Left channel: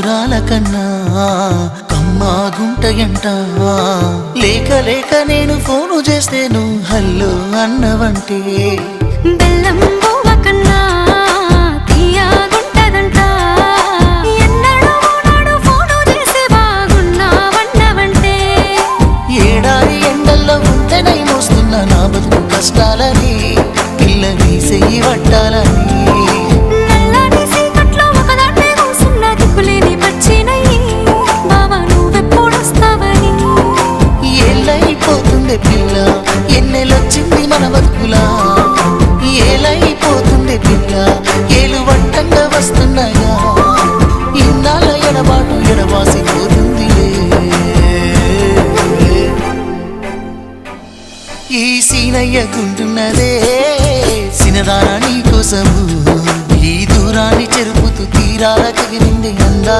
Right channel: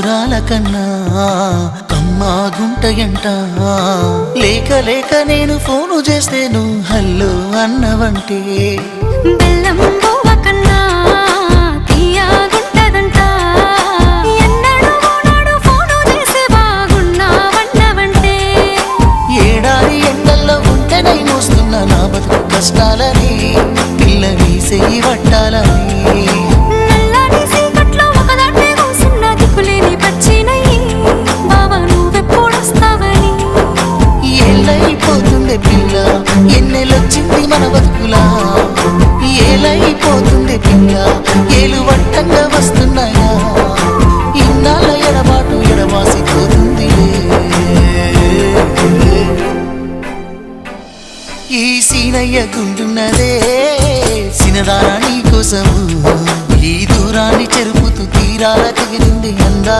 మధురాల కన్నా కమ్మా గుంటయంట లేక లేక నేను ఫోను చేస్తే నువ్వు హల్లో అన్నవంటే బెల్లం బువ్వ కన్నా తీయగుంటదంట ఎన్నడూ నాడు ఫోను చేసే బాగున్నావన్నవంటే ఏడాది ఎండల్లో ఉంటేనై మోస్తున్న నా బతుకు కష్టాలని పిల్లని చెయ్యి పట్టాలని నల్లని సీకట్లో ఒకదాన్నే కూసున్న దిక్కులేని పచ్చినయ్యి బావా నువ్వెప్పుడొస్తావని ఏళ్ళైపోతుండే పిల్ల ఎన్నెలొచ్చింది మన బతుకులా ఏలైపోతుండే పిల్ల ఏలు వట్టంగా వస్తున్నాగా ఇన్నాళ్ళ ఎడబాటు ఎడవాసిపోతుందిలే ఈ సీనయ్య గుంటున్నదే సినదారా నీ కోసము ఈ దూరాన్ని చెరుపుతూ తీరాల తెగిరింది అందా